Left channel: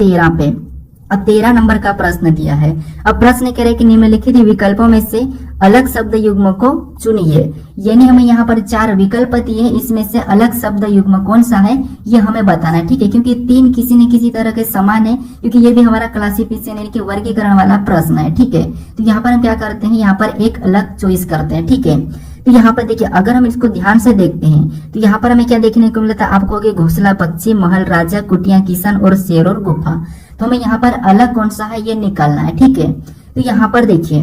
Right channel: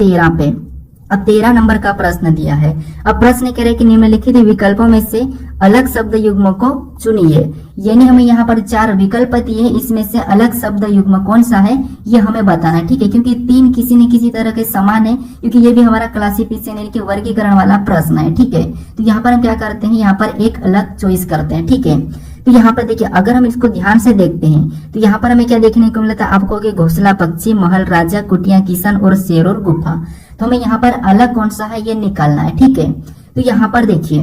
13 पे। अब 13 नंबर का प्रश्न दिया है। अब प्रश्न कह रहे हैं कि निम्नलिखित विकल्पों में से अलग शब्द युग्म को चुनिए। यानी हमें यहाँ पर 4 विकल्प दिए, इसमें से अलग शब्द युग्म कौन सा है ये हमें बताना है, ठीक है। क्योंकि 3 किसी न किसी तरह के समान है, क्योंकि ये भी हमारा क्लासिफिकेशन यानी कि वर्गीकरण वाला प्रश्न है, ठीक है। तो यहाँ पर हम क्या करते हैं, यहाँ पर एक अलग चॉइस करते हैं, ठीक है। तो यहाँ पर देखिए, अगर हम इसको ध्यान से देखते हैं तो यहाँ पर हमें क्या देखने को मिलता है आपको कि घोंसला पक्षी, महल, राजा, कुटिया, किसान और शेर और गुफा। तो हमें यहाँ पर अलग कौन सा है ये निकालना है, ठीक है। तो यहाँ पर देखिए,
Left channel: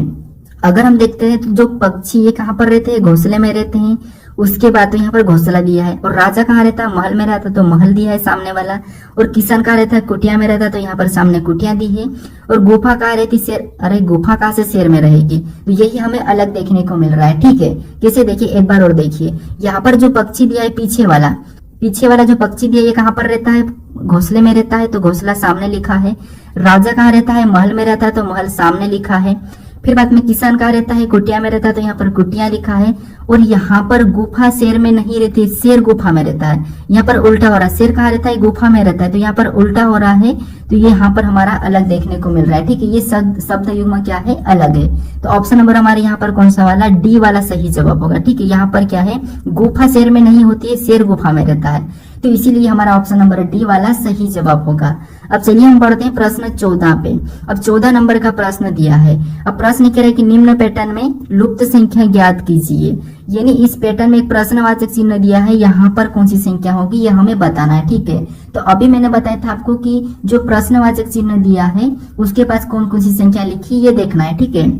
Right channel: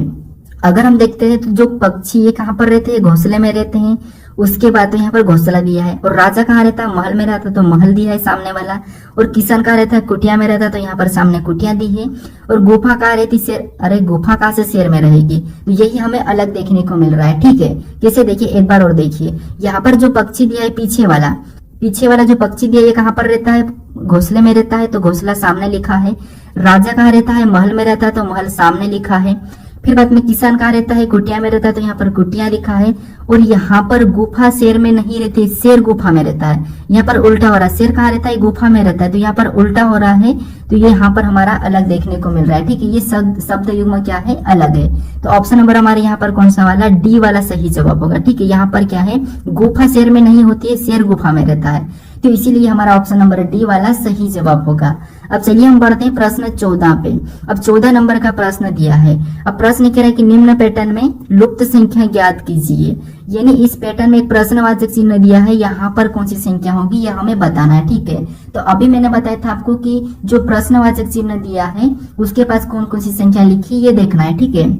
अगर हम देखते हैं तो जो पक्षी ये कहाँ पर रहते हैं, घोंसले में रहते हैं। उसके बाद तो यहाँ पर घोंसला दिया है। और राजा कहाँ रहता है, महल में रहता है, तो महल दिया है सामने वाला। और किसान कहाँ रहता है, कुटिया में रहता है, तो यहाँ पर सामने कुटिया दी है। और गुफा कहाँ रहती, शेर, अरे गुफा कहाँ से शेर में रहेगी। तो यही हमें अलग देखने को मिल रहा है, ठीक है। कैसे देखिए, एक बार और देखिए, यहाँ पर जो पक्षी दिया है पीछे वाला जो पक्षी दिया है ये कहाँ पर रहता है, घोंसले में रहता है, तो घोंसला सामने लिखा है। राजा कहाँ रहता है, महल में रहता है, तो महल सामने लिखा है। फिर बाद में किसान कहाँ रहता है, कुटिया में रहता है, तो यहाँ पर कुटिया लिखा है। और यहाँ पर गुफा शेर में नहीं रहती, शेर गुफा में रहता है। यहाँ पर उल्टा हो रहा है, शेर कहाँ रहता है, गुफा में रहता है, तो यहाँ पर उल्टा हो रहा है। तो ये यहाँ पर हमारा अलग देखने को मिल रहा है, ठीक है। ये शब्द युग्म क्या है, अलग है। तो ऑप्शन नंबर हमारे यहाँ पर कौन सा वाला, डी वाला सही जवाब होगा, ठीक है। यहाँ पर क्या है, गुफा शेर में नहीं होती है, शेर गुफा में रहता है, तो इसीलिए हमारा ऑप्शन नंबर डी वाला सही जवाब होगा। अब चलिए हम बढ़ते हैं प्रश्न 14 पे। अब 14 नंबर का प्रश्न दिया है। अब प्रश्न कह रहा है कि निम्न पैटर्न में लुप्त संख्या ज्ञात कीजिए। यानी इस पैटर्न में एक प्रश्नवाचक चिन्ह दिया है, यहाँ पर कौन सी संख्या होगी ये हमें बताना है, ठीक है। तो अभी मैंने बताया था आपको कि जो प्रश्नवाचक चिन्ह दिया है उसके पास कौन कौन सी संख्या लिखी ये देखना है, ठीक है।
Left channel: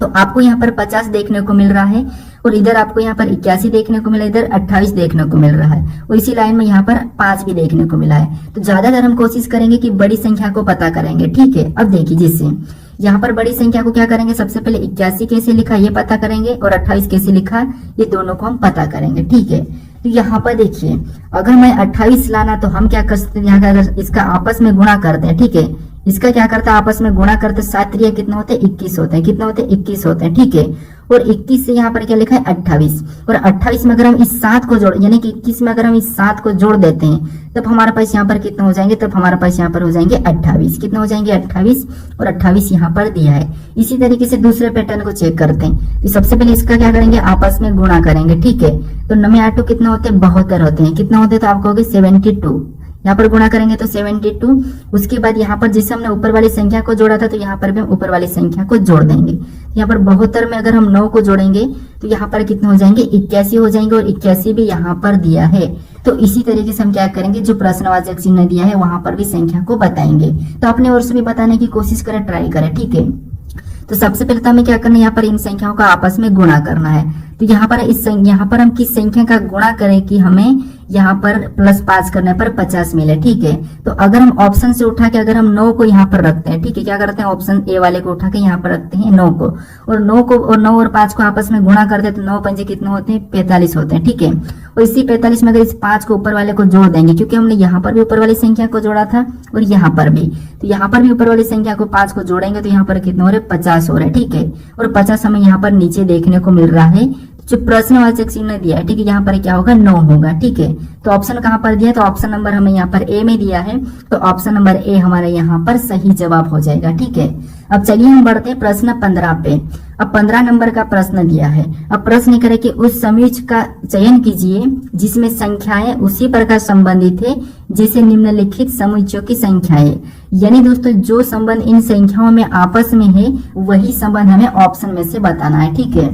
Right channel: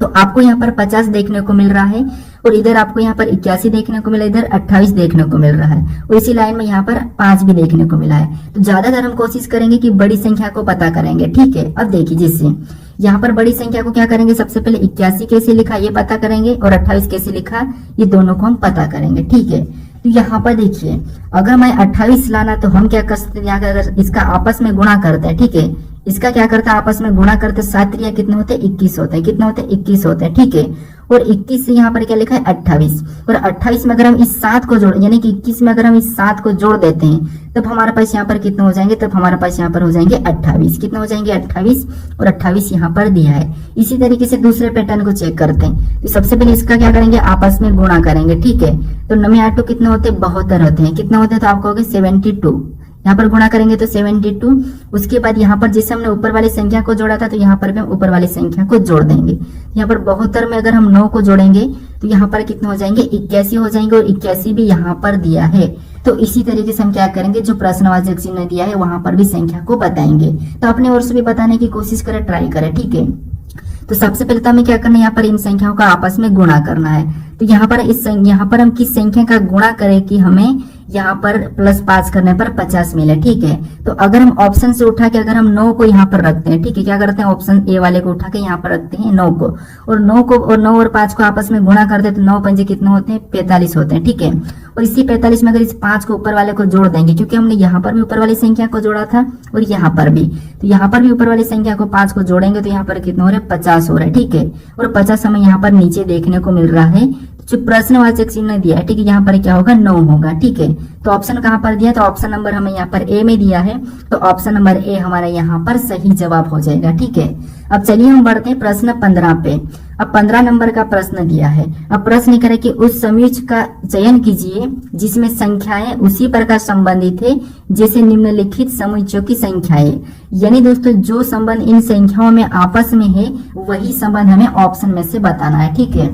तो आपको यहाँ पर 50 देखने को मिल रहा है, और इधर आपको यहाँ पर 81 देखने को मिला, इधर 28 देखने को मिल रहा है। और इसी लाइन में यहाँ पर 5 भी देखने को मिला है। तो ज्यादातर हम कोशिश करेंगे कि बड़ी संख्या को पता करेंगे, ठीक है। अब देखिए, जैसे यहाँ पर बड़ी संख्या को क्या करेंगे, सबसे पहले 81 कैसे लिखा ये पता करेंगे, और 28 कैसे लिखा ये दोनों को हम पता करेंगे, ठीक है। तो यहाँ पर देखिए, अगर मैं 28 लाना तो हम क्या कर सकते हैं, यहाँ अगर इसका आपस में गुणा करते हैं, ठीक है। इसका क्या करता है, आपस में गुणा करते, 7 त्रिया कितना होते हैं, 21 होते हैं। कितना होते हैं, 21 होते हैं, ठीक है। और 21 से यहाँ पर क्या लिखा है, 28। और 28 में अगर हम इस 7 को जोड़, यानी कि 21 में अगर हम इस 7 को जोड़ देते हैं तब हमारे पास यहाँ पर कितने हो जाएंगे, तब हमारे पास यहाँ पर हो जाएंगे 28। कितना हो जाएंगे, 28। और 28 यहाँ पर दिया है। इसी तरीके से दूसरे पैटर्न को चेक करते हैं। तो सबसे पहले इसका क्या करेंगे, आपस में गुणा करेंगे, ठीक है। तो 9 8 कितने होते हैं, 72 होते हैं। कितना होते हैं, तो आपको होगा 72। यहाँ पर गुणा करेंगे तो 72। उसके बाद यहाँ पर जैसे हमने ऊपर वाली संख्या को जोड़ा था तो यहाँ पर भी हम ऊपर वाली संख्या को जोड़ देंगे। यहाँ पर 72 में अगर हम 9 को जोड़ेंगे तो यहाँ पर कितने हो जाएंगे, 81 हो जाएंगे। और 81 भी यहाँ पर दिया है। तो इसी तरीके से हम क्या करेंगे, जो प्रश्नवाचक चिन्ह दिया है वहां पर भी संख्या को बताएंगे। तो अपने ओर से भी बताने की कोशिश करें, ट्राई करें, ठीक है। तो सबसे पहले तो हमें क्या करना है, यहाँ पर इन संख्याओं का आपस में गुणा करना है। तो यहाँ पर हम किस संख्या का गुणा करें कि हमें यहाँ पर +5 करने पर 50 मिले, ठीक है। तो अगर हम ऑप्शन से उठा के अगर हम 9 को यहाँ पर रखते हैं, ठीक है, क्या करते हैं, ऑप्शन ए वाले को उठा के यहाँ पर रखते हैं 9 को, और 9 और 5 को आपस में गुणा कर दे तो 9 पंजे कितने होते हैं, 45 होते हैं, ठीक है। और इसी 45 में अगर इस 5 को ऊपर वाले को जोड़ देंगे, क्योंकि हमने यहाँ पर भी ऊपर वाली संख्या को जोड़ा था और यहाँ पर भी, तो यहाँ पर भी ऊपर वाली संख्या को 5 को जोड़ेंगे तो यहाँ पर कितने हो रहे, 50 हो रहे हैं, ठीक है। और 50 हमें यहाँ पर नीचे देखने को मिल रहा है। जो प्रश्नवाचक चिन्ह दिया है, ठीक है, यहाँ पर क्या होगा, 9 होगा, ठीक है। तो ऑप्शन कहाँ पर दिया, तो ऑप्शन नंबर हमें यहाँ पर ए में दिया है, तो ऑप्शन नंबर ए हमारा यहाँ पर सही जवाब हो जाएगा, ठीक है। अब चलिए हम बढ़ते हैं प्रश्न 15 पे। अब 15 नंबर का प्रश्न दिया है। अब प्रश्न करे कि उस समुच्चय का चयन कीजिए जिसमें संख्याएं उसी प्रकार संबंधित है जैसे निम्नलिखित समुच्चयों की संख्याएं। यानी दोस्तों, जो संबंध इन संख्याओं में आपस में है वही संबंध हमें ऑप्शन में से बताना है, ठीक है।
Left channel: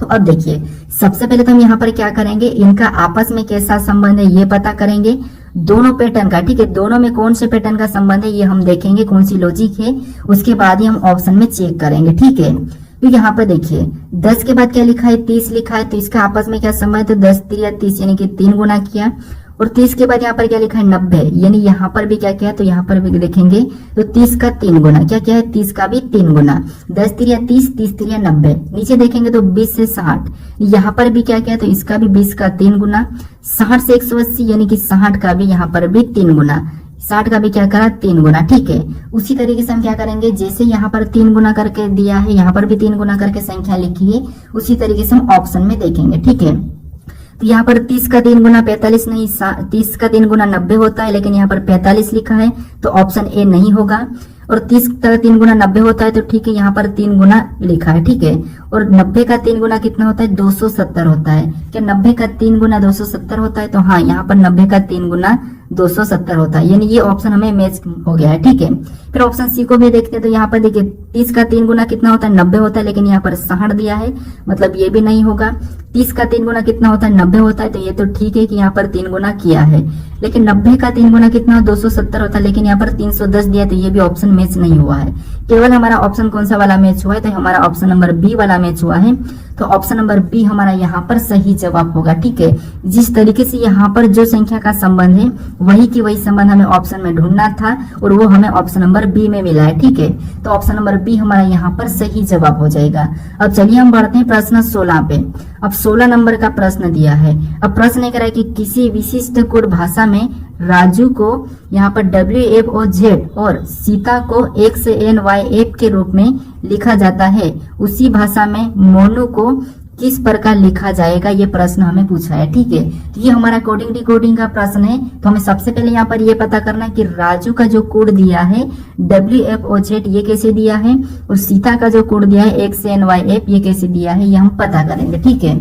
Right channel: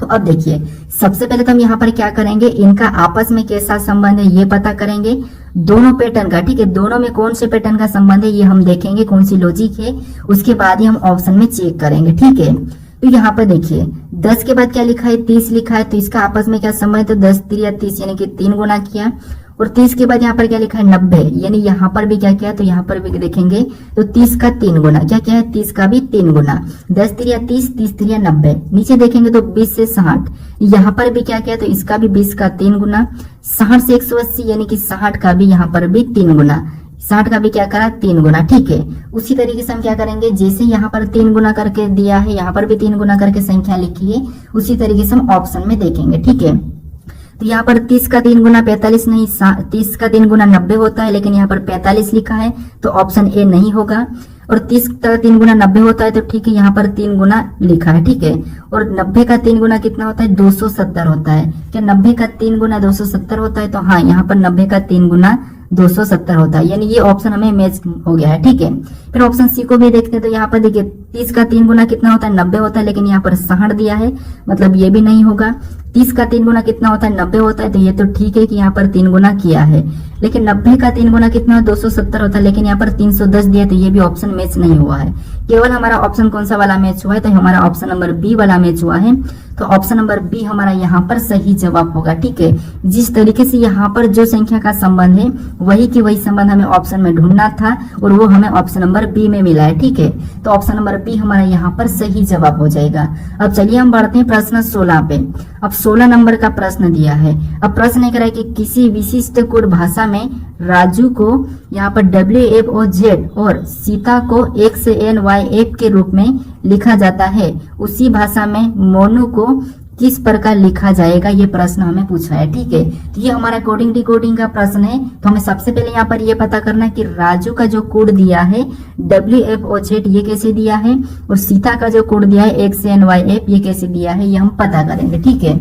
तो अब देखिए, सबसे पहले तो हम यहाँ पर क्या करेंगे, इनका आपस में कैसा संबंध है ये पता करेंगे, दोनों पैटर्न का, ठीक है। दोनों में कौन से पैटर्न का संबंध है ये हम देखेंगे, कौन सी लॉजिक है, उसके बाद ही हम ऑप्शन में चेक करेंगे, ठीक है। तो यहाँ पर देखिए, 10 के बाद क्या लिखा है, 30 लिखा है, तो इसका आपस में क्या संबंध है, तो 10 त्रिया 30 यानी कि 3 गुना किया। और 30 के बाद यहाँ पर क्या लिखा है, 90, यानी यहाँ पर भी क्या किया, तो यहाँ पर भी देखेंगे तो 30 का 3 गुना, क्या क्या है, 30 का भी 3 गुना। 10 त्रिया 30, 30 त्रिया 90। नीचे देखेंगे तो 20 से 60, यहाँ पर भी क्या किया, तो इसका भी 20 का 3 गुना। 60 से 180 यानी कि 60 का भी यहाँ पर भी 3 गुना। 60 का भी क्या करा, 3 गुना, ठीक है। उसी तरीके से हम क्या करेंगे, जैसे यहाँ पर 3 गुना करके दिया है, यहाँ पर भी 3 गुना करके संख्या लिखी है, उसी तरीके से हम ऑप्शन में देखेंगे, ठीक है। तो यहाँ पर 30 का 3 गुना 45 नहीं, 30 का 3 गुना 90 होता है, लेकिन यहाँ पर 45 लिखा है तो ऑप्शन ए नहीं होगा। और 30 का 3 गुना 90 होता है तो ठीक है, यहाँ पर 3 गुना लिखा है, ठीक है। और 90 का 3 गुना कितना होता है, 270 होता है। क्या 90 का 3 गुना 270 होता है? तो हाँ, यहाँ पर 90 का 3 गुना 270 होता है, यानी ये ऑप्शन हमें मैच हो गया है, ठीक है। फिर ऑप्शन सी को भी देखते हैं, तो यहाँ पर देखिए 30 का 3 गुना कितना होता है, 90 होता है, लेकिन यहाँ पर 60 दिया है, मतलब ये भी नहीं होगा। 30 का 3 गुना कितना होता है, 90 होता है, तो ये तो ठीक है कि यहाँ पर 3 गुना किया है। लेकिन 90 का 3 गुना कितना, 270 होता है, लेकिन यहाँ पर 310 दिया, तो ये भी ऑप्शन मैच नहीं हुआ है। केवल हमारा ऑप्शन कौन सा वाला मैच हुआ है, तो हमारा ऑप्शन नंबर बी वाला मैच हुआ है। तो ऑप्शन नंबर बी हमारा यहाँ पर सही जवाब होगा, ठीक है। जिस तरीके से यहाँ पर जो संख्या का संबंध है वही की वही संबंध हमें ऑप्शन में ढूंढना था और वो हमें ऑप्शन नंबर बी में मिला है, ठीक है। तो ऑप्शन नंबर बी हमारा यहाँ पर सही जवाब हो जाएगा। अब चलिए हम बढ़ते हैं प्रश्न 16 पे। अब 16 नंबर का प्रश्न दिया है। अब प्रश्न ये कह रहा है कि किसी विशिष्ट कोड भाषा में राजू को यहाँ पर WFOZ और सीता को XNYF के रूप में लिखा जाता है, उसी भाषा में मोनू को किस प्रकार लिखा जाएगा, ये प्रश्न हमें पूछा है, ठीक है। तो ये हमारा कोडिंग डिकोडिंग का प्रश्न है। तो हमें सबसे पहले यहाँ पर ये पता करना है कि राजू का जो कोड दिया है WFOZ ये कैसे दिया है, और सीता का जो कोड दिया है XNYF ये कैसे दिया है, ये हम पता करेंगे, ठीक है।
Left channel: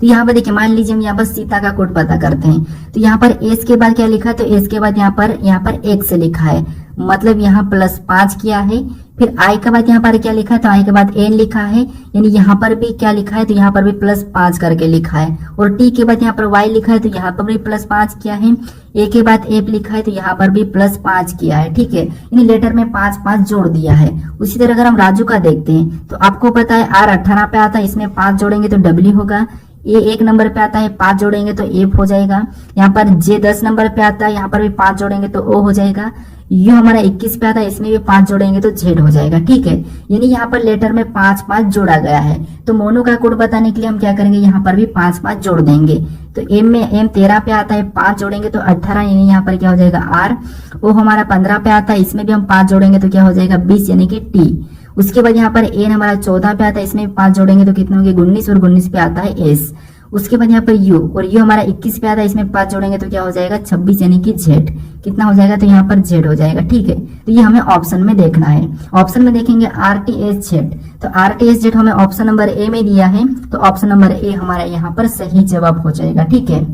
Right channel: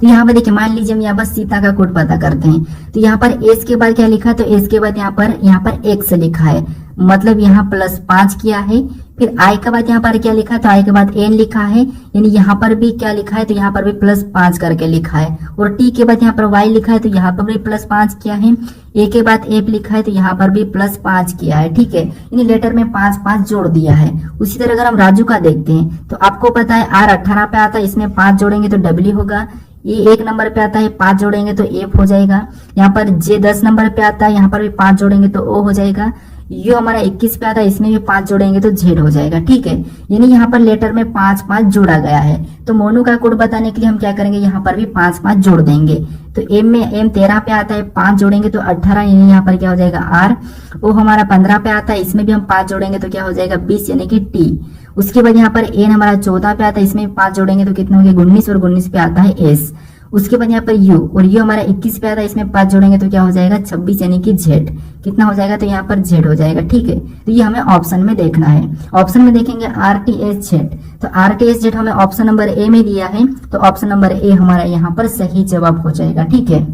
तो यहाँ पर देखिए, मान लीजिए हम यहाँ पर सीता का कोड पता करते हैं। तो यहाँ पर एस के बाद क्या लिखा, तो एस के बाद यहाँ पर x लिखा है, मतलब यहाँ +5 किया है। फिर आई के बाद यहाँ पर क्या लिखा है, तो आई के बाद n लिखा है, यानी यहाँ पर भी क्या लिखा है, तो यहाँ पर भी +5 करके लिखा है। और टी के बाद यहाँ पर y लिखा है, तो यहाँ पर भी +5 किया है। ए के बाद एफ लिखा है, तो यहाँ पर भी +5 किया है, ठीक है। यानी लेटर में 5 जोड़ दिया है। उसी तरह अगर हम राजू का देखते हैं, तो आपको पता है R 18 पे आता है, इसमें 5 जोड़ेंगे तो W होगा। ये 1 नंबर पे आता है, 5 जोड़ेंगे तो एफ हो जाएगा। यहाँ पर जे 10 नंबर पे आता है, यहाँ पर भी 5 जोड़ेंगे तो ओ हो जाएगा। यू हमारा 21 पे आता है, इसमें भी 5 जोड़ेंगे तो जेड हो जाएगा, ठीक है। यानी यहाँ पर लेटर में 5 जोड़ा गया है। तो मोनू का कोड बताने के लिए हम क्या करेंगे, यहाँ पर भी 5 जोड़ देंगे। तो एम में एम 13 पे आता है, 5 जोड़ेंगे तो 18, यानी यहाँ पर क्या हो जाएगा आर। ओ हमारा 15 पे आता है, इसमें भी हम 5 जोड़ेंगे तो क्या हो जाएगा 20, यानी कि टी। उसके बाद यहाँ पर एन हमारा 14 पे आता है, इसमें भी 5 जोड़ेंगे तो कितना हो गया 19, और 19 पे आता है एस। उसके बाद यहाँ पर यू, और यू हमारा 21 पे आता है, इसमें 5 जोड़ेंगे तो क्या हो जाएगा 26, यानी कि जेड। कितना हो जाएगा, तो यहाँ पर जेड हो जाएगा, ठीक है। तो ये हमें ऑप्शन में देखना है। ऑप्शन में देखेंगे RTSZ, तो RTSZ हमें ऑप्शन नंबर ए में दिया है, तो ऑप्शन नंबर ए हमारा यहाँ पर सही जवाब हो जाएगा, ठीक है।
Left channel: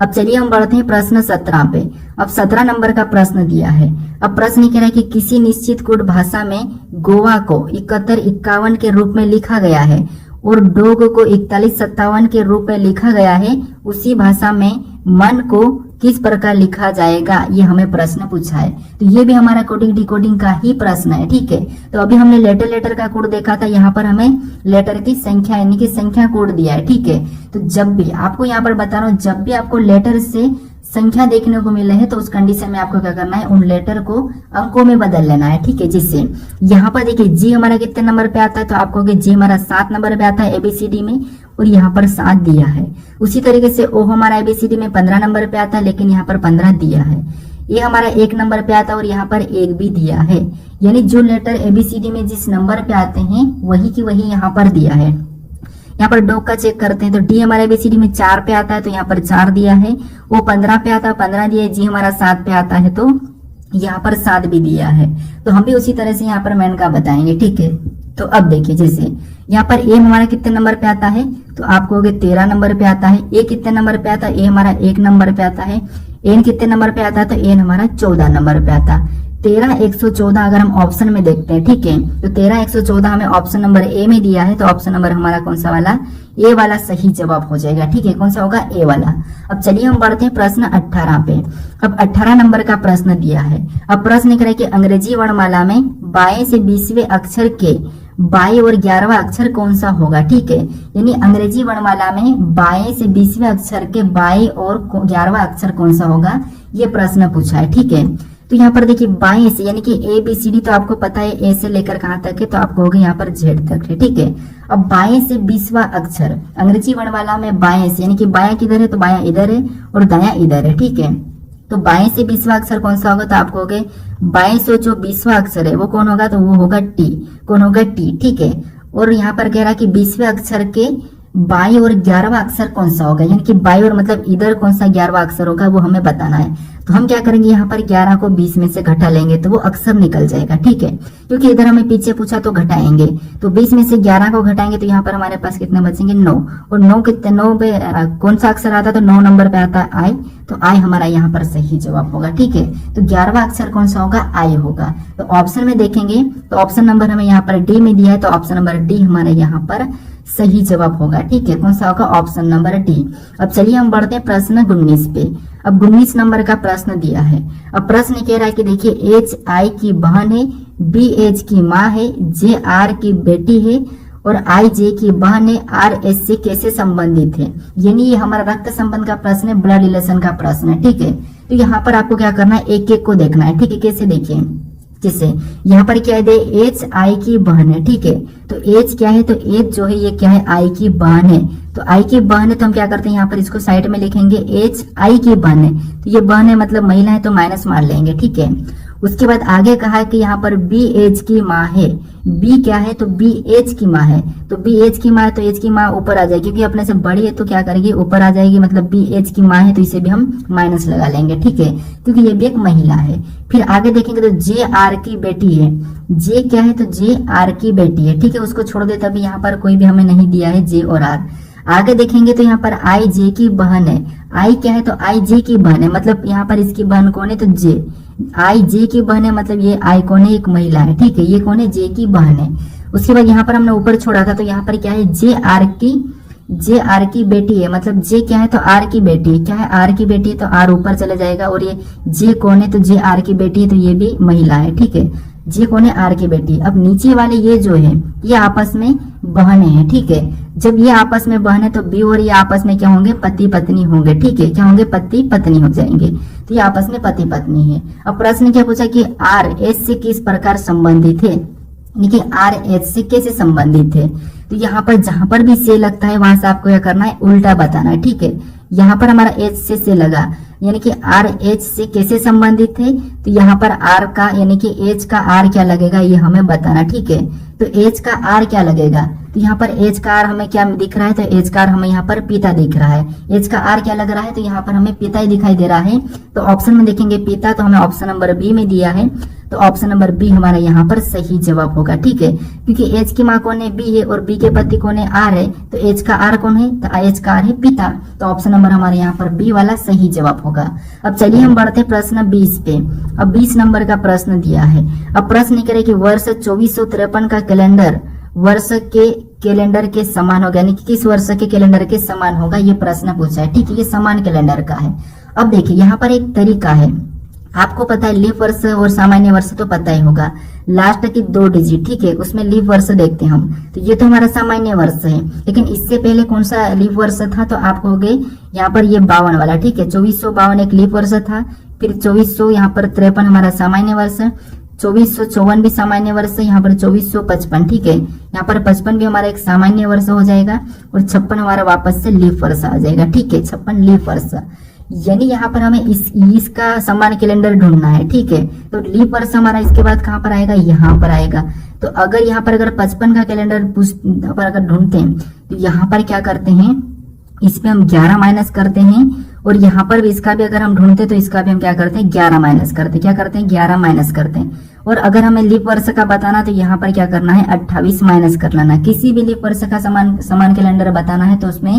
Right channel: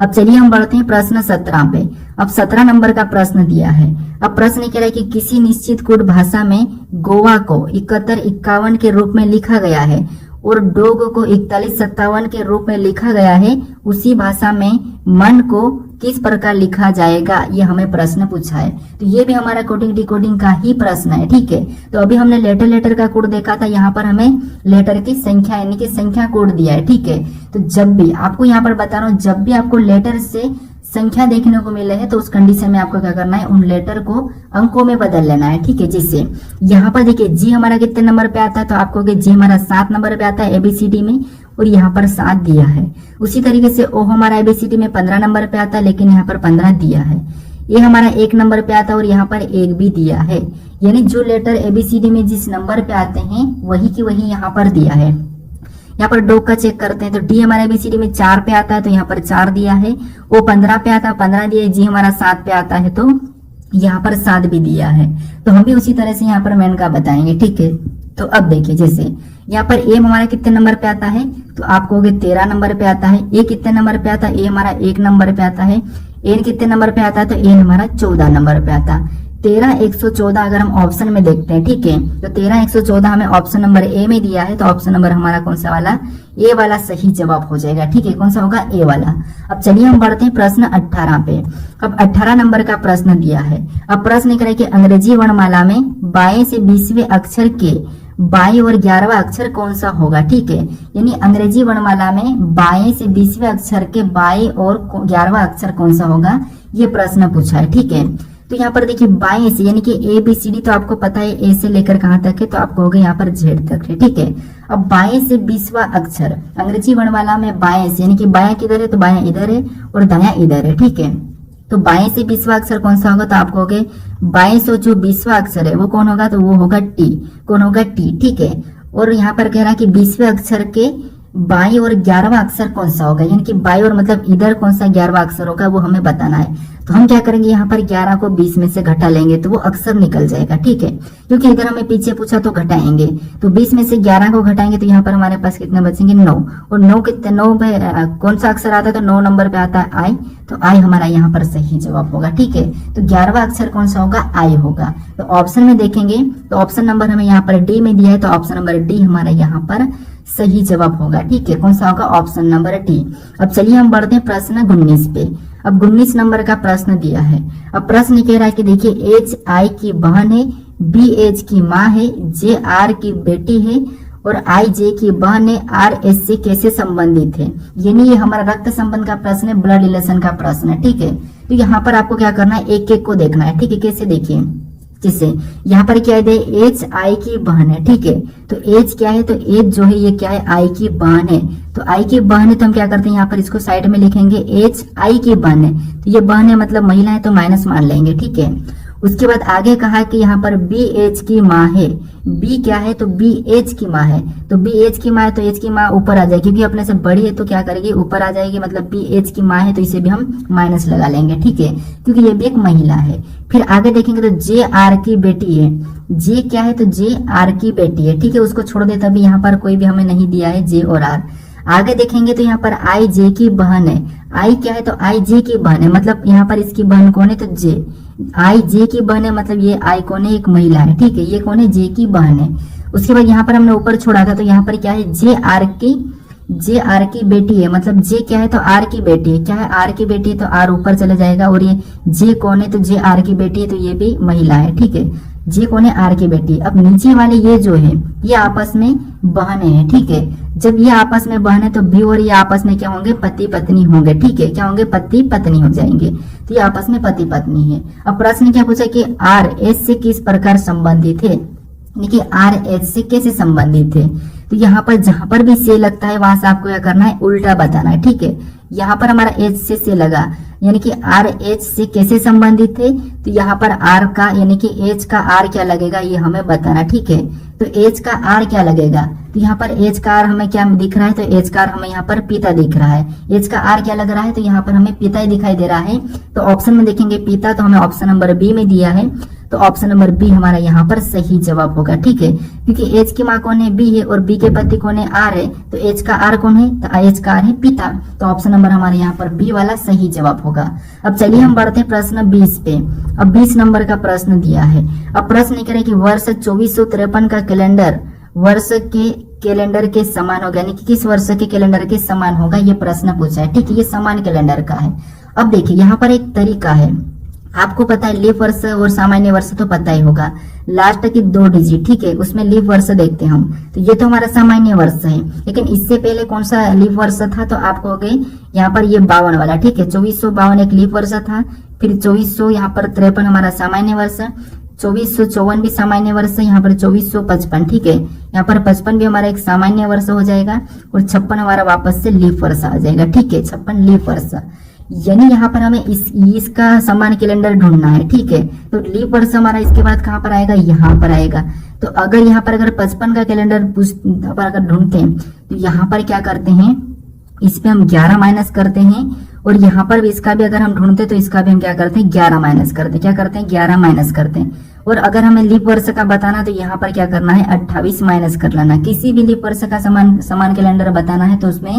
अब चलिए हम बढ़ते हैं प्रश्न 17 पे। अब 17 नंबर का प्रश्न दिया है। अब प्रश्न कह रहा है कि किसी निश्चित कोड भाषा में गोवा को 71-51 के रूप में लिखा गया है और डोग को 41-57 के रूप में लिखा गया है, उसी भाषा में मन को किस प्रकार लिखा जाएगा, ये हमें प्रश्न पूछा है। तो ये भी हमारा कोडिंग डिकोडिंग का ही प्रश्न है, ठीक है। तो अभी हमने लेटर का कोड देखा था, यहाँ पर हमें लेटर की संख्या यानी कि संख्या कोड दिया है, ठीक है। तो जब भी आपको यहाँ पर बता रहा हूँ, जब भी आपको लेटर से संख्या देखने को मिले है तो उस कंडीशन में आपको क्या करना है, उन लेटर को अंकों में बदल लेना है, ठीक है। जिससे यहाँ पर देखिए जी हमारा कितने नंबर पे आता है, तो आपको जी हमारा 7 नंबर पे आता है ABCD में, और यहाँ पर 7 दिया है। उसी तरीके से ओ हमारा ABCD में 15 नंबर पे आता है, लेकिन यहाँ पर 15 दिया है। ये हमारा 1 नंबर पे आता है और यहाँ पर 1 भी दिया है। यानी जो लेटर ABCD में जिस नंबर पे आते हैं वही की वही यहाँ पर दिया है। यहाँ पर डॉग का चेक करते हैं, तो डी हमारे ABCD में 4 पे आता है, तो यहाँ पर 4 दिया है। वो 15 पे आता है, 15 दिया है। जी हमारा 7 पे आता है, तो यहाँ पर 7 भी दिया है। तो हम भी उसी तरह से यहाँ पर मैन का बताएंगे, ठीक है। तो अब देखिए, जैसे यहाँ पर ए हमारा कितने नंबर पे आता है, तो आपको हो गया 13 नंबर पे आता है। ए कितने नंबर पे आता है, ए हमारा 1 नंबर पे आता है। एन कितने नंबर पे आता है, तो एन हमारा 14 नंबर पे आता है। 13 114 अगर हम ऑप्शन में देखते हैं, ठीक है, तो 13 114 हमें ऑप्शन नंबर ए में दिया है, तो ऑप्शन नंबर हमारा कौन सा वाला, ए वाला सही जवाब हो जाएगा, ठीक है। कौन सा होगा, ए वाला। अब चलिए हम बढ़ते हैं प्रश्न 18 पे। अब 18 नंबर का प्रश्न दिया है। अब प्रश्न कह रहा है कि अंग्रेजी वर्णमाला में 22 से 20वें अक्षर के 22 और 11वां अक्षर कौन सा होगा, ठीक है। यानी अंग्रेजी वर्णमाला में 22 से 20वें अक्षर के 22 और 11वां अक्षर कौन सा होगा, ये प्रश्न पूछा है, ठीक है। तो यहाँ पर देखिए 22 यानी कि ABCD तो आपको पता है ए से लेकर कहाँ तक है, तो आपको होगा यहाँ पर Z तक है, ठीक है। अब 22 से 20वां अक्षर अंग्रेजी वर्णमाला में 22 यानी कि बायां किधर है, तो बायां इधर है और दायां इधर है, ठीक है। तो 22 से 20वां अक्षर कौन सा होगा, तो आपको होगा 22 और जो 20वां अक्षर है वो कौन होगा, तो वो होगा टी। कौन होगा, टी, ठीक है। और यहाँ पर कह रहा है कि 20वें अक्षर के बाई और 11वां अक्षर कौन सा होगा, यानी कि बाई और मतलब इधर कौन सा 11वां अक्षर होगा वो हमें बताना है। तो हम क्या करेंगे, यहाँ पर 11 को 20 में से घटा लेंगे तो वो अक्षर निकल जाएगा, ठीक है, क्योंकि इधर हमें पीछे पूछा तो घटाएंगे। तो 20 में से 11 को घटाएंगे तो यहाँ पर हमारे पास कितने बचेंगे, 9। और 9 कितने, 9 पे कौन सा अक्षर आता है, तो 9 नंबर पे आता है आई, तो आई हमारा यहाँ पर सही जवाब होगा, ठीक है। तो 11वां अक्षर कौन सा होगा, आई होगा। तो ऑप्शन में देखेंगे तो ऑप्शन नंबर हमें यहाँ पर डी में दिया है, तो ऑप्शन नंबर डी हमारा यहाँ पर सही जवाब होगा, ठीक है। कौन सा होगा, ऑप्शन नंबर डी। अब चलिए हम बढ़ते हैं प्रश्न 19 पे। अब 19 नंबर का प्रश्न दिया है। अब प्रश्न कह रहा है कि देखिए एच आई की बहन है, बी एच की माँ है, जे आर की बेटी है और आई जे की बहन है, आर एस से कैसे संबंधित है। यानी ये हमारा रक्त संबंध का प्रश्न है, ब्लड रिलेशन का प्रश्न है, ठीक है। तो यहाँ पर आपको क्या करना है, एक एक को देखना है, ठीक है। कैसे देखिए, जिससे यहाँ पर क्या है, एच आई की बहन है, ठीक है। तो एच क्या है, तो एच जो है ये क्या है, आई की बहन है। तो आई की बहन है तो हम क्या करते हैं, यहाँ पर इसको साइड में लिखेंगे, एच आई की बहन है, तो ये बहन है मतलब महिला है तो माइनस मान लेंगे, ठीक है। उसके बाद आगे कहा है कि यहाँ पर बी एच की माँ है, बी क्या है, तो बी एच की माँ है। तो बी एच की माँ है तो एच की माँ ऊपर आ जाएगी, क्योंकि अपने से बड़ी है तो क्या करेगी, ऊपर आ जाएगी, मतलब बी एच की माँ है तो इसे भी हम माइनस लगा लेंगे, ठीक है, क्योंकि ये भी एक महिला है। फिर आगे देखेंगे तो जे आर की बेटी है, जे क्या है, तो जे आर की बेटी है, ठीक है, उसको छोड़ दे, तभी यहाँ पर कोई भी हमें नहीं दिया है जे और आर। आगे देखेंगे तो यहाँ पर आई जे की बहन है, आई क्या है, तो आई जे की बहन है, मतलब यहाँ पर इसकी बहन कौन है, तो जे, आई जे की बहन है, मतलब ये आई कौन है, एक महिला है, ठीक है, ये कौन है, जे की बहन है। उसके बाद यहाँ पर हमने ऊपर छोड़ा था तो यहाँ पर क्या है, जे आर की बेटी है, मतलब जे क्या है, तो आर की बेटी है, क्या है, आर की बेटी है, तो आर ऊपर चला जाएगा। और ये जे कौन है, तो जे आर की बेटी है, तो ये भी महिला है, ठीक है, जे कौन है, आर की बेटी। अब नीचे वाले ये जो है ये आपस में बहने हैं, ठीक है। जब ये आपस में बहन है तो बी और ये आपस में क्या होंगे, पति पत्नी होंगे, ठीक है, क्या होंगे, पति पत्नी हो जाएंगे। तो ये आपस में पति पत्नी है। अब प्रश्न क्या पूछा कि आर एस से किस प्रकार संबंधित है, देखिए आर एच से कैसे संबंधित है। तो यहाँ पर जहां पर भी से लगता है वहां से आपको क्या करना है, उल्टा बताना है, ठीक है। यहाँ पर हमारा एच से लगा, यानी कि आर एच से कैसे संबंधित है, तो यहाँ पर आर का यानी कि एच का आर क्या लगेगा ये हमें बताना, ठीक है। तो एच का आर क्या लगेगा, तो यहाँ पर एच का आर हमें क्या दिख रहा है, तो एच का आर हमें यहाँ पर पिता दिख रहा है। एच का आर क्या लग रहा है, तो यहाँ पर हमें पिता ही दिखाई दे रहा है। तो ऑप्शन में देखेंगे पिता, तो हमें ऑप्शन नंबर बी में दिया है, तो ऑप्शन नंबर बी हमारा यहाँ पर सही जवाब होगा, ठीक है, क्योंकि एच की माँ कौन है, बी है, और बी के पति कौन है, आर है, तो एच का आर कौन है, तो एच का आर है पिता। तो ऑप्शन नंबर हमारे यहाँ पर बी वाला सही जवाब होगा। अब चलिए हम बढ़ते प्रश्न 20 पे। अब 20 नंबर का प्रश्न दिया है। अब प्रश्न कह रहे कि वर्ष 2453 का कैलेंडर वर्ष के कैलेंडर के समान होगा, यानी कि किस वर्ष के कैलेंडर के समान होगा, ये प्रश्न पूछा है, ठीक है, ये समान कैलेंडर का है। अब देखिए यहाँ पर एक तरीका है, आपको पता है लीप वर्ष और सामान्य वर्ष तो पता ही होगा, लास्ट की 2 डिजिट, ठीक है, उसमें लीप वर्ष देखते हैं हम। तो ये तो हमारा सामान्य वर्ष है, लेकिन इससे पहले कौन सा लीप वर्ष था, तो आपको हो गए यहाँ पर ये 52 वाला, ठीक है, 2452 एक लीप वर्ष था, फिर 2400 यहाँ पर 53 हमारा सामान्य वर्ष, 2454 भी सामान्य वर्ष है, यहाँ पर 2455, ठीक है, यहाँ पर 55 भी हमारा एक सामान्य वर्ष हो जाएगा, और 56 हमारा वापस से लीप वर्ष आ जाएगा, ठीक है, 56 लीप वर्ष। यानी यहाँ पर हमें इसका समान कैलेंडर ढूंढना है, ठीक है। तो लीप वर्ष हमारा इसके बाद कहाँ पर आएगा, यहाँ पर आएगा। तो अगर यहाँ पर अगर 55 का कैलेंडर पर अगर ढूंढते हैं तो यहाँ पर क्या करते हैं, इस पे हम 11 माइनस करते हैं, और यहाँ पर भी इसका भी अगर हम ढूंढते तो इसका भी हम क्या करते हैं, 11 माइनस करते हैं, क्या करते हैं, 11 माइनस करते हैं। और अगर हमें लीप वर्ष का बताना तो यहाँ पर क्या करना है, 28 माइनस कर लेना। किसी भी लीप वर्ष का समान कैलेंडर बताना है तो उसमें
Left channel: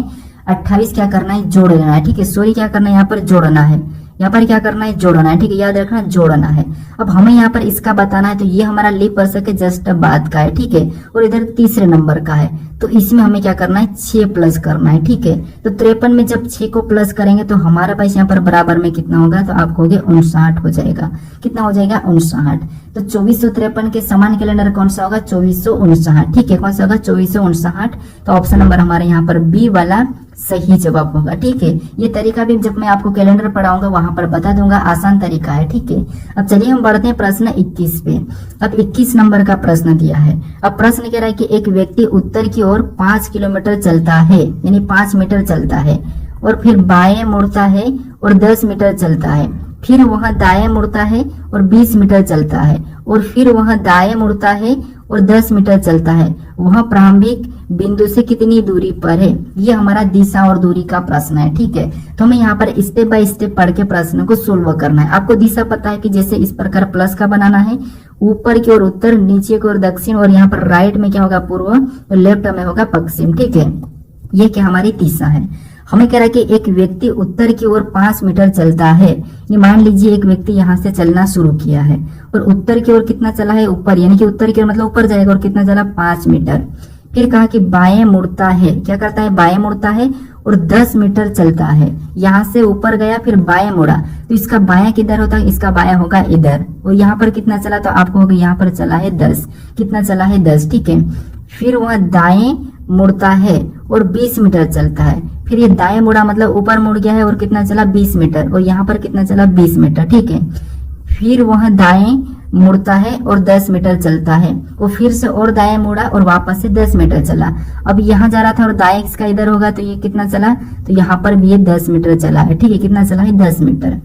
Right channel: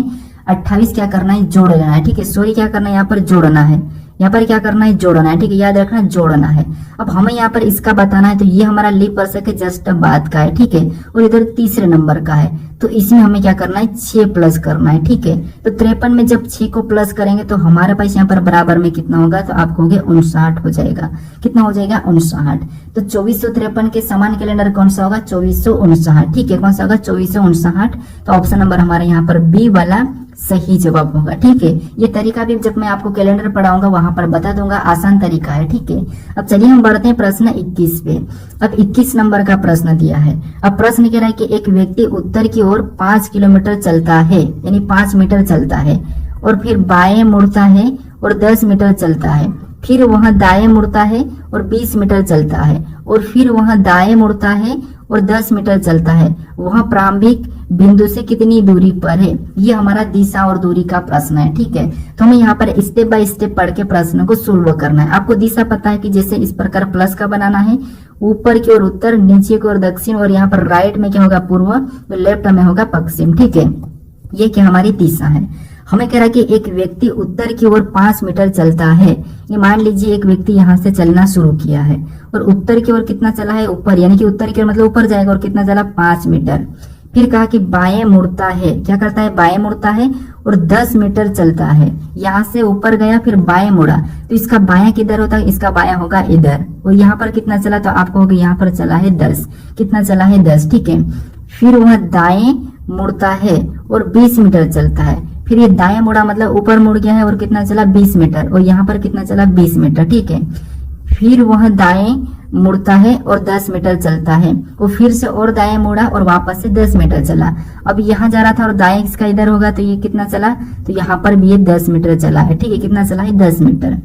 28 क्या करना है, जोड़ लेना है, ठीक है, सॉरी क्या करना है, यहाँ पर जोड़ना है, यहाँ पर क्या करना है, जोड़ना है, ठीक है, याद रखना जोड़ना है। अब हमें यहाँ पर इसका बताना है तो ये हमारा लीप वर्ष के जस्ट बाद का है, ठीक है, और इधर तीसरे नंबर का है, तो इसमें हमें क्या करना है, 6 प्लस करना है, ठीक है। तो 53 में जब 6 को प्लस करेंगे तो हमारे पास यहाँ पर बराबर में कितना होगा, तो आपको हो गया 59 हो जाएगा, कितना हो जाएगा, 59। तो 2453 के समान कैलेंडर कौन सा होगा, 2459, ठीक है, कौन सा होगा, 2459। तो ऑप्शन नंबर हमारे यहाँ पर बी वाला सही जवाब होगा, ठीक है। ये तरीका भी जब मैं आपको कैलेंडर पढ़ाऊंगा वहां पर बता दूंगा, आसान तरीका है, ठीक है। अब चलिए हम बढ़ते हैं प्रश्न 21 पे। अब 21 नंबर का प्रश्न दिया है। अब प्रश्न कह रहा है कि एक व्यक्ति उत्तर की ओर 5 किलोमीटर चलता है, यानी 5 मीटर चलता है, और फिर बाएं मुड़ता है और 10 मीटर चलता है, फिर वह दाएं मुड़ता है और 20 मीटर चलता है, और फिर वह दाएं मुड़ता है और 10 मीटर चलता है वह प्रारंभिक बिंदु से कितनी दूरी पर है। ये हमारा दिशा और दूरी का प्रश्न है। ठीक है, तो हमें यहाँ पर स्टेप बाय स्टेप पढ़ के प्रश्न को सोल्व करना है। आपको दिशा पता है कि जैसे इस प्रकार प्लस का बनाना है, ऊपर की ओर उत्तर, नीचे की ओर दक्षिण, और यहाँ पर राइट में क्या होगा पूर्व और लेफ्ट में होगा पश्चिम। ठीक है, ये क्या हमारी दिशा है। हमें कह रहा है कि एक व्यक्ति उत्तर की ओर 5 मीटर चलता है। ये मान लीजिए एक व्यक्ति यहाँ से चलना शुरू किया है और उत्तर की ओर कितना चला है, ऊपर, यानी कि उत्तर की ओर मतलब ऊपर जाएगा, और कितना चला 5 मीटर। फिर कहा कि बाएं मुड़ता है, क्या करता है, बाएं मुड़ता है और 10 मीटर चलता है। यहाँ से ऊपर गया फिर बाएं मुड़ा, तो इसका बायां किधर होता है, इसका बायां होगा इधर। और यहाँ पर कितना चला, तो आपको होगा यहाँ पर चला है 10, कितना चला है 10। ठीक है, फिर वह दाएं मुड़ता है और 20 मीटर चलता है। फिर ये दाएं मुड़ा मतलब ऊपर मुड़ गया है और कितना चला 20 मीटर, और यहाँ पर कितना चला 20 मीटर। ठीक है, फिर वह दाएं मुड़ता है और 10 मीटर चलता है, वो फिर से और दाएं मुड़ा और वापस से 10 मीटर चला। अब यहाँ जा रहा था और दाएं इसका इधर होगा, तो ये कितना चला, तो यहाँ पर भी ये 10 मीटर चला है। ठीक है, कितना चला है 10 मीटर।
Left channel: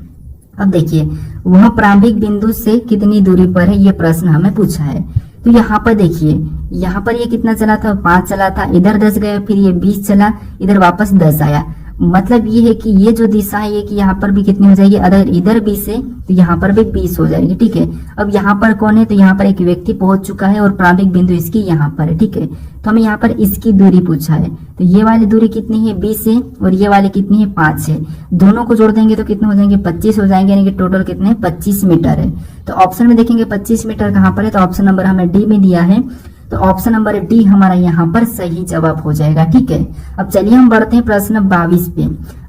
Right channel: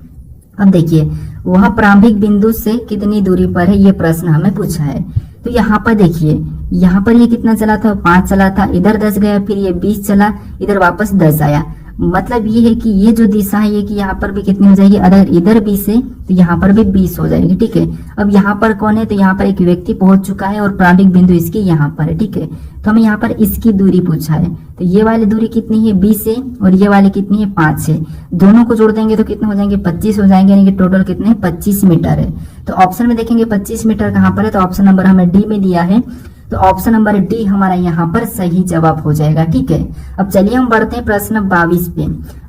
अब देखिए वह प्रारंभिक बिंदु से कितनी दूरी पर है, ये प्रश्न हमें पूछा है। तो यहाँ पर देखिए, यहाँ पर ये कितना चला था, 5 चला था, इधर 10 गया, फिर ये 20 चला, इधर वापस 10 आया। मतलब ये है कि ये जो दिशा है ये कि यहाँ पर भी कितनी हो जाएगी, अगर इधर 20 है तो यहाँ पर भी 20 हो जाएगी। ठीक है, अब यहाँ पर कौन है, तो यहाँ पर एक व्यक्ति पहुंच चुका है और प्रारंभिक बिंदु इसकी यहाँ पर है। ठीक है, तो हमें यहाँ पर इसकी दूरी पूछा है, तो ये वाली दूरी कितनी है 20 है और ये वाली कितनी है 5 है। दोनों को जोड़ देंगे तो कितने हो जाएंगे 25 हो जाएंगे, यानी कि टोटल कितने 25 मीटर है। तो ऑप्शन में देखेंगे 25 मीटर कहाँ पर है, तो ऑप्शन नंबर हमें डी में दिया है, तो ऑप्शन नंबर डी हमारा यहाँ पर सही जवाब हो जाएगा। ठीक है, अब चलिए हम बढ़ते हैं प्रश्न 22 पे।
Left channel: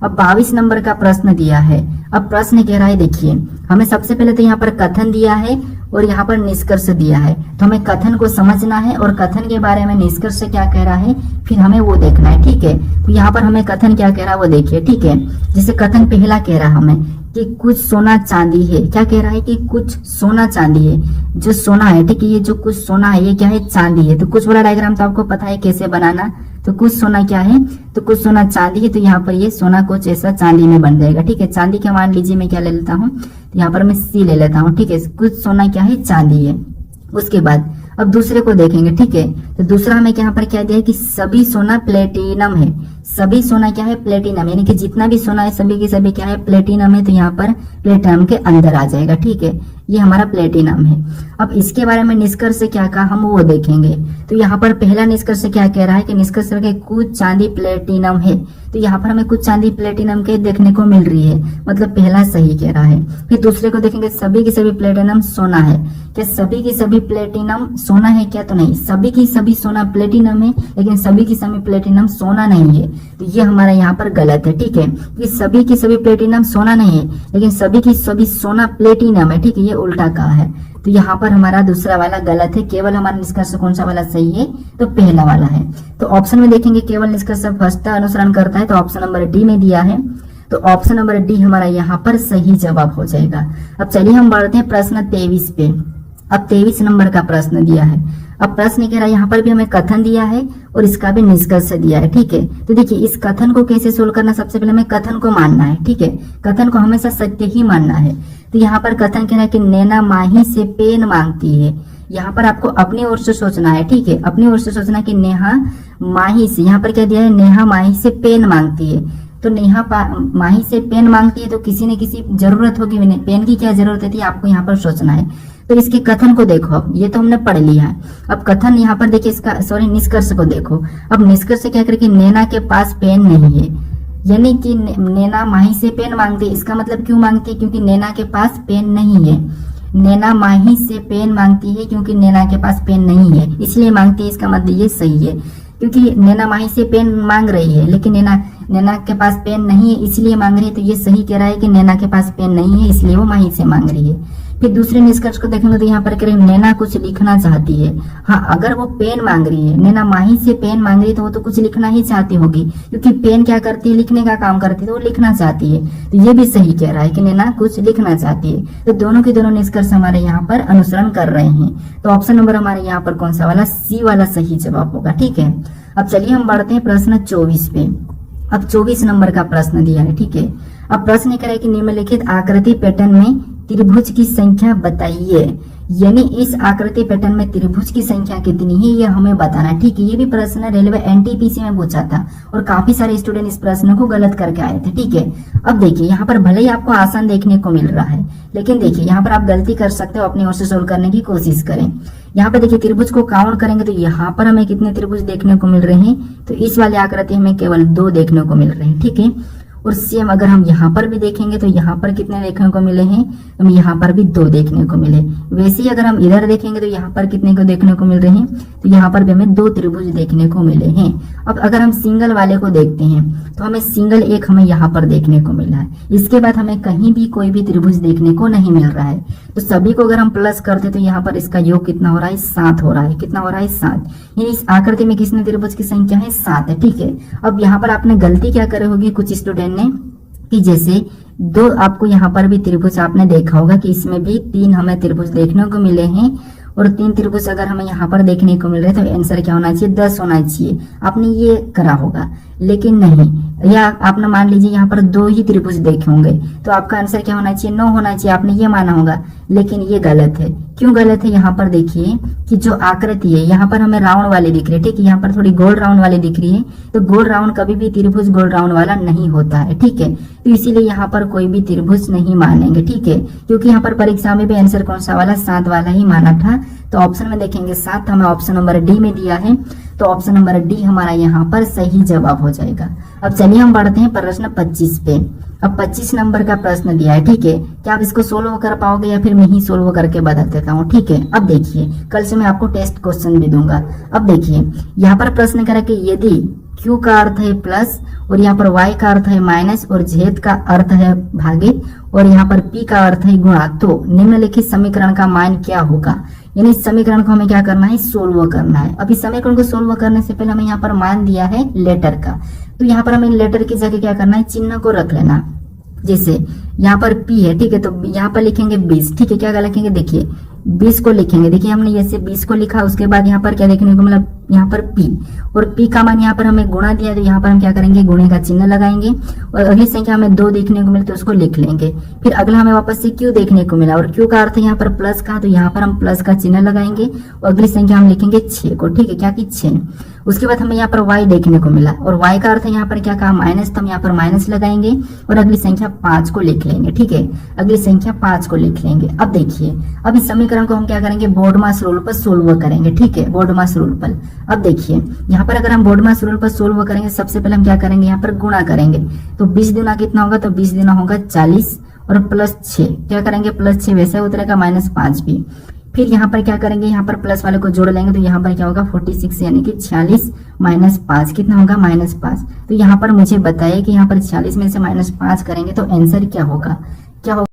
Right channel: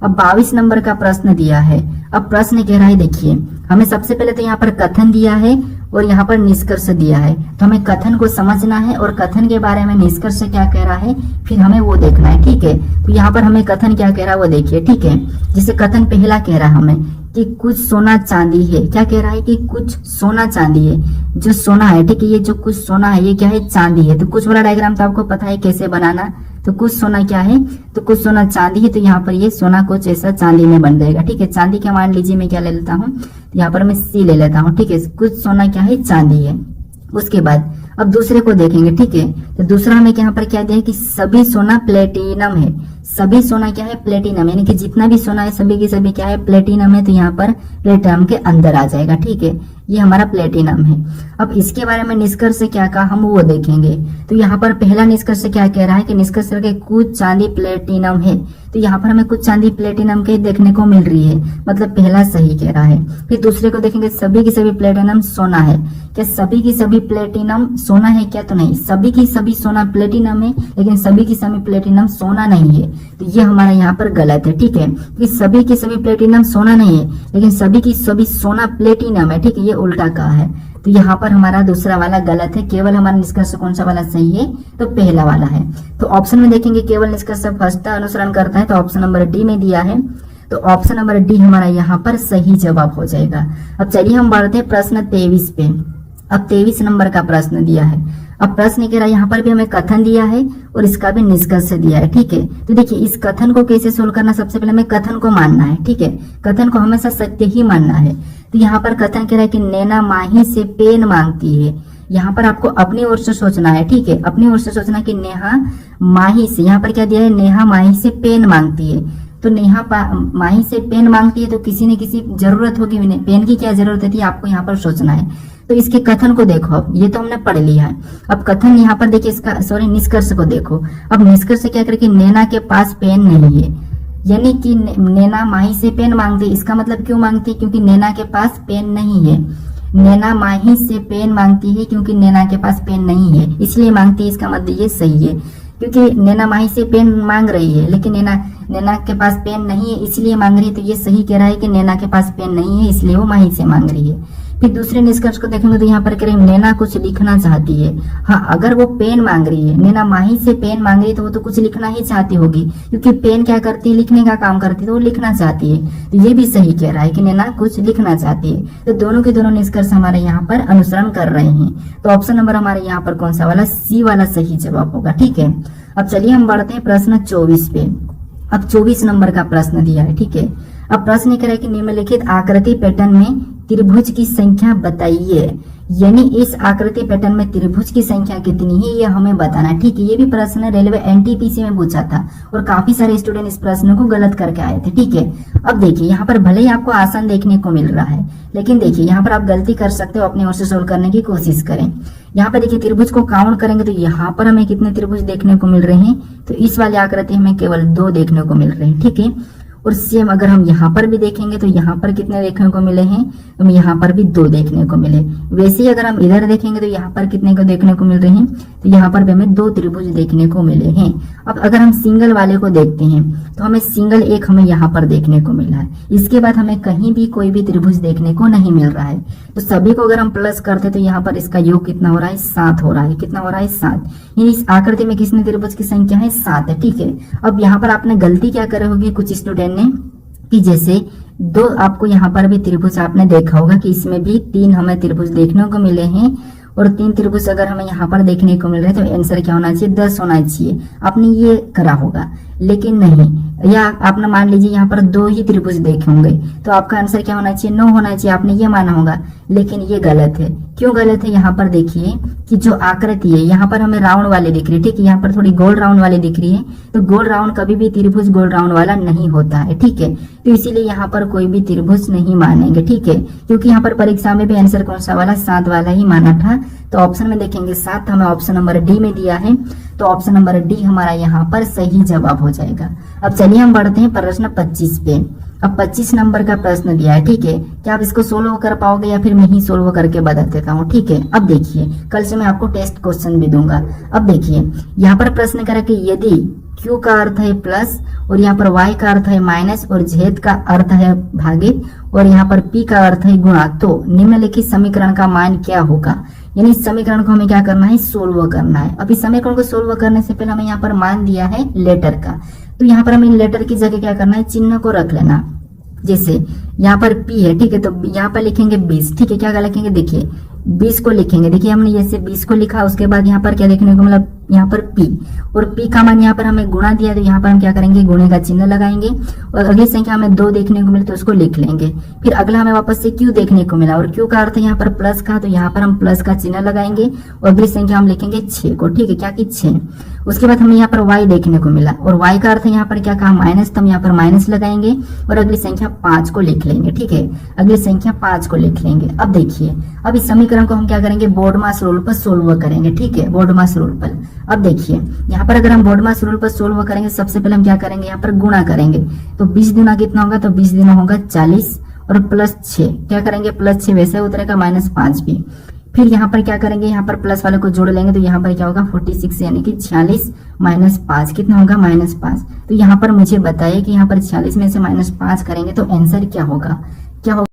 अब 22 नंबर का प्रश्न दिया है। अब प्रश्न कह रहा है, देखिए हमें सबसे पहले तो यहाँ पर कथन दिया है और यहाँ पर निष्कर्ष दिया है, तो हमें कथन को समझना है और कथन के बारे में निष्कर्ष क्या कह रहा है फिर हमें वो देखना है। ठीक है, तो यहाँ पर हमें कथन क्या कह रहा है वो देखिए। ठीक है, जैसे कथन पहला कह रहा है हमें कि कुछ सोना चांदी है, क्या कह रहा है कि कुछ सोना चांदी है, जो सोना है। ठीक है, ये जो कुछ सोना है ये क्या है, चांदी है। तो कुछ वाला डायग्राम तो आपको पता है कैसे बनाना, तो कुछ सोना क्या है, तो कुछ सोना चांदी है, तो यहाँ पर ये सोना कुछ ऐसा चांदी में बन जाएगा। ठीक है, चांदी के मान लीजिए मैं क्या ले लेता हूँ, तो यहाँ पर मैं सी ले लेता हूँ। ठीक है, कुछ सोना क्या है, चांदी है। उसके बाद अब दूसरे को देखेंगे। ठीक है, तो दूसरा हमें यहाँ पर क्या दिया है कि सभी सोना प्लेटिनम है। सभी सोना क्या है, प्लेटिनम, यानी कि जितना भी सोना है सभी की सभी क्या है, प्लेटिनम है। तो यहाँ पर प्लेटिनम के अंदर आ जाएगा। ठीक है, ये हमारा प्लेटिनम है। अब इसके बारे में निष्कर्ष क्या कहा हम वो देखेंगे। तो यहाँ पर पहला निष्कर्ष क्या कह रहा है कि निष्कर्ष के कुछ चांदी प्लेटिनम है, तो यहाँ पर हमें कुछ चांदी प्लेटिनम के देखने को मिल रही है, मतलब पहला सही कह रहा है। फिर दूसरे को देखेंगे सभी की सभी प्लेटिनम सोना है, क्या सभी की सभी प्लेटिनम सोना है क्या, तो नहीं, सभी की सभी सोना प्लेटिनम है लेकिन सभी की सभी प्लेटिनम सोना नहीं है, तो ये हमारा यहाँ पर गलत है। ठीक है, कि सभी की सभी प्लेटिनम सोना नहीं है लेकिन सभी की सभी सोना प्लेटिनम है। ठीक है, ये उल्टा कहा है, तो यहाँ पर हमारा दूसरा वाला गलत है। केवल हमारा निष्कर्ष कौन सा वाला सही है, तो पहला वाला है। तो ऑप्शन में देखेंगे केवल निष्कर्ष फर्स्ट अनुसरण करता है, तो ऑप्शन नंबर डी में दिया है, तो ऑप्शन नंबर डी हमारा यहाँ पर सही जवाब हो जाएगा। अब चलिए हम बढ़ते हैं प्रश्न 23 पे। अब 23 नंबर का प्रश्न दिया है। अब प्रश्न कह रहा है, यहाँ पर भी हमें कथन दिया है और इसका भी निष्कर्ष दिया है। ठीक है, तो देखिए इस कथन को कैसे सोल्व करना, सबसे पहले हमें कथन को मानना है। ठीक है, कथन को हमेशा सत्य ही मानना है। तो यहाँ पर कथन कह रहा है कि नैना माही से पेन मांगती है। यहाँ पर आपको अपनी ओर से सोचना है। ठीक है, अपनी ओर से सोचना कि नेहा माही से, यहाँ पर क्या दिया है, नेहा माही से पेन मांगती है। तो नेहा माही से पेन मांगती है तो किसी न किसी जरूरत होगी, पेन की क्या जरूरत थी आपको यहाँ पर सोचना है। तो इसके कथन को देखो, ये तो हमने पढ़ लिया है। अब कथन यहाँ पर देखिए, इसका सॉरी निष्कर्ष को देखो। अब निष्कर्ष क्या करे कि नैना के पास पेन नहीं है, यानी कि नैना माही से पेन मांगती है। इसका मतलब क्यों मांगती है, क्योंकि नैना के पास पेन नहीं है। नैना माही से पेन मांगती है क्योंकि नैना के पास पेन नहीं है, इसलिए मांगती है। इसका मतलब ये सही है, क्योंकि नैना माही से पेन मांग रही है लेकिन नैना के पास पेन नहीं है इसलिए मांग रही है। तो ये सही कह रहा है कि नैना के पास पेन नहीं है इसलिए वो माही से मांग रही है। फिर दूसरे निष्कर्ष को देखेंगे तो यहाँ पर कह रहे हैं नैना कुछ लिखना चाहती है। हाँ, अगर वो पेन मांग रही है, नैना माही से पेन मांग रही है, तो वो तो कुछ लिखना ही चाहती होगी, क्योंकि पेन क्या करती है, लिखने का काम करती है, तो वो लिखना चाहती है। तो ये भी सही कह रहा है कि नैना कुछ लिखना चाहती है। तो दोनों के दोनों निष्कर्ष हमारे यहाँ पर अनुसरण कर रहे हैं। तो ऑप्शन नंबर हमारे यहाँ पर कौन सा वाला, सी वाला सही जवाब होगा। ठीक है, अब चलिए हम बढ़ते हैं प्रश्न 24 पे। अब 24 नंबर का प्रश्न दिया है। ठीक है, अब प्रश्न कह रहा है कि निम्नलिखित आकृति पैटर्न में त्रिभुज की संख्या बताइए। यानी इस आकृति पैटर्न में त्रिभुज की संख्या कितनी है ये हमें बताना है। ठीक है, ये भी प्रश्न रेलवे एनटीपीसी में पूछा था और काफी सारे स्टूडेंट इस प्रश्न को गलत करके आए थे। ठीक है, अब देखिए यहाँ पर भले ही आपको आसान देखने को मिल रहा है, लेकिन देखिए यहाँ पर आप गलती कर सकते हो, अपनी ओर से सोल्व करने की कोशिश करें। यहाँ पर देखिए त्रिभुज को काउंट करेंगे तो यहाँ पर हमें कितने त्रिभुज देखने को मिल रहे हैं, तो इस वाली आकृति हमें केवल 2 देखने को मिल रहे हैं। ठीक है, और सेम अगर हम यहाँ पर भी देखेंगे तो यहाँ पर कितने देखने को मिले हैं, हम यहाँ पर भी 2 देखने को मिले। वैसे ही अगर हम इधर देखेंगे तो यहाँ पर कितने को देखने को मिल रहे हैं, तो यहाँ पर भी हमें 2 त्रिभुज देखने को मिले हैं। अब अगर हम सिंगल वाले को देखते हैं तो हमें सिंगल एक हमें यहाँ पर देखने को मिला है। इसके बाद हमें कहीं भी कोई भी त्रिभुज देखने को नहीं मिल रहा है। तो सभी को अगर हम प्लस करते तो यहाँ पर इसका योग कितना हो रहा है, 7 हो रहा है। कितना हो रहा है, 7। इस आकृति में किसने त्रिभुज की संख्या है, 7 है। ठीक है, अब यहाँ पर आपने गलती क्या करे होगी कुछ स्टूडेंट ने, कि जैसे 2 आपको यहाँ पर भी त्रिभुज आपने देखा होगा कि इसमें भी 3 हमें त्रिभुज देखने को मिले हैं, और 3 त्रिभुज अगर हमें यहाँ पर देखने को मिल रहे हैं तो आंसर क्या होना चाहिए, 10 होना चाहिए। आपने ये करा होगा, लेकिन नहीं, या आपने मान लीजिए यहाँ पर 2 ही त्रिभुज देखे होंगे तो आपका आंसर क्या होना चाहिए, 9 होना चाहिए। आपने ये माना होगा, लेकिन ये गलत है। क्यों गलत है, यहाँ पर देखिए कि जो आकृति है यहाँ पर हमें राउंड वाले दिख रहे हैं। ठीक है, यहाँ पर थोड़ी गोल राउंड वाले दिख रही है, तो गोल राउंड कभी भी त्रिभुज गोल राउंड वाला नहीं होता है। ठीक है, तो इसीलिए यहाँ पर कोई भी त्रिभुज नहीं मानेंगे। ठीक है, क्योंकि यहाँ पर परीक्षा में भी आंसर कौन सा वाला, 7 वाला ही माना था। तो ऑप्शन में देखेंगे 7 हमें ऑप्शन नंबर डी में दिया है, तो ऑप्शन नंबर डी हमारा यहाँ पर सही जवाब हो जाएगा। अब चलिए हम बढ़ते हैं प्रश्न 25 पे। अब 25 नंबर का प्रश्न दिया है। ठीक है, क्या आप इसको सोल्व कर पाओगे या फिर मैं ही सोल्व करके बता देता हूँ। ठीक है, अब देखिए कल से मैं आपको टेस्ट क्वेश्चन भी दूंगा। अब देखिए यहाँ पर प्रश्न करा कि यदि Q का अर्थ है प्लस और यहाँ पर Y का अर्थ है माइनस और Z का अर्थ है भागित और यहाँ पर P का अर्थ है गुणा, तो निम्नलिखित समीकरण का मान क्या होगा। यानी इस समीकरण को हमें क्या करना है, सोल्व करना है। अब इस समीकरण को सोल्व करने से पहले हमें यहाँ पर मान दिया है लेटर का, तो यहाँ पर हमें लेटर की जगह क्या करना है, चिन्ह को रख लेना। जैसे यहाँ पर P है, ठीक है, तो यहाँ पर लिखेंगे 20। ठीक है, क्या लिखेंगे, देखिए 20 को लिखेंगे। देखिए हमने जैसे 20 को लिखा, उसके बाद यहाँ पर क्या देखने को मिला, यहाँ पर P, और P का मान यहाँ पर हमें गुणा दिया, तो यहाँ पर हम क्या करेंगे, गुणे का चिन्ह लगाएंगे। और अगली संख्या हमें 2 देखने को मिले तो उसको लिख लेंगे। फिर अगला हमें वापस से Q देखने को मिला और Q का अर्थ है यहाँ पर प्लस का, तो यहाँ पर हम प्लस का चिन्ह लगाएंगे और अगली संख्या हम लिखेंगे 6 को। ठीक है, क्या कि 6। उसके बाद हमें यहाँ पर Y देखने को मिला और Y का अर्थ है यहाँ पर क्या कहा, माइनस, तो हम यहाँ पर माइनस लगाएंगे और अगली संख्या 5 को लिख लेंगे। ठीक है, अगली संख्या 5 को लिख लेंगे। अब देखिए, अब इस समीकरण को हम क्या करेंगे, बोर्डमास रूल पर सोल्व करेंगे। ठीक है, बोर्डमास रूल पर। अब देखिए यहाँ पर अगर हम बोर्डमास रूल पर सोल्व करेंगे, सबसे पहले हम क्या करेंगे, यहाँ पर गुणा करेंगे। तो 20 गुना कितना होगा, तो 20 गुना होगा 40 और प्लस 6 क्या करेंगे, प्लस 6 वैसे उतरेगा, माइनस 5 भी। फिर यहाँ पर क्या करेंगे, यहाँ पर प्लस वाले को जोड़ लेंगे, तो यहाँ पर क्या होगा 46 यानी कि 46 माइनस 5 कितना होगा, माइनस 5। तो यहाँ पर मुझे बताइए कि यहाँ पर 46 में से माइनस 5 करेंगे तो आंसर क्या होगा, क्या होगा।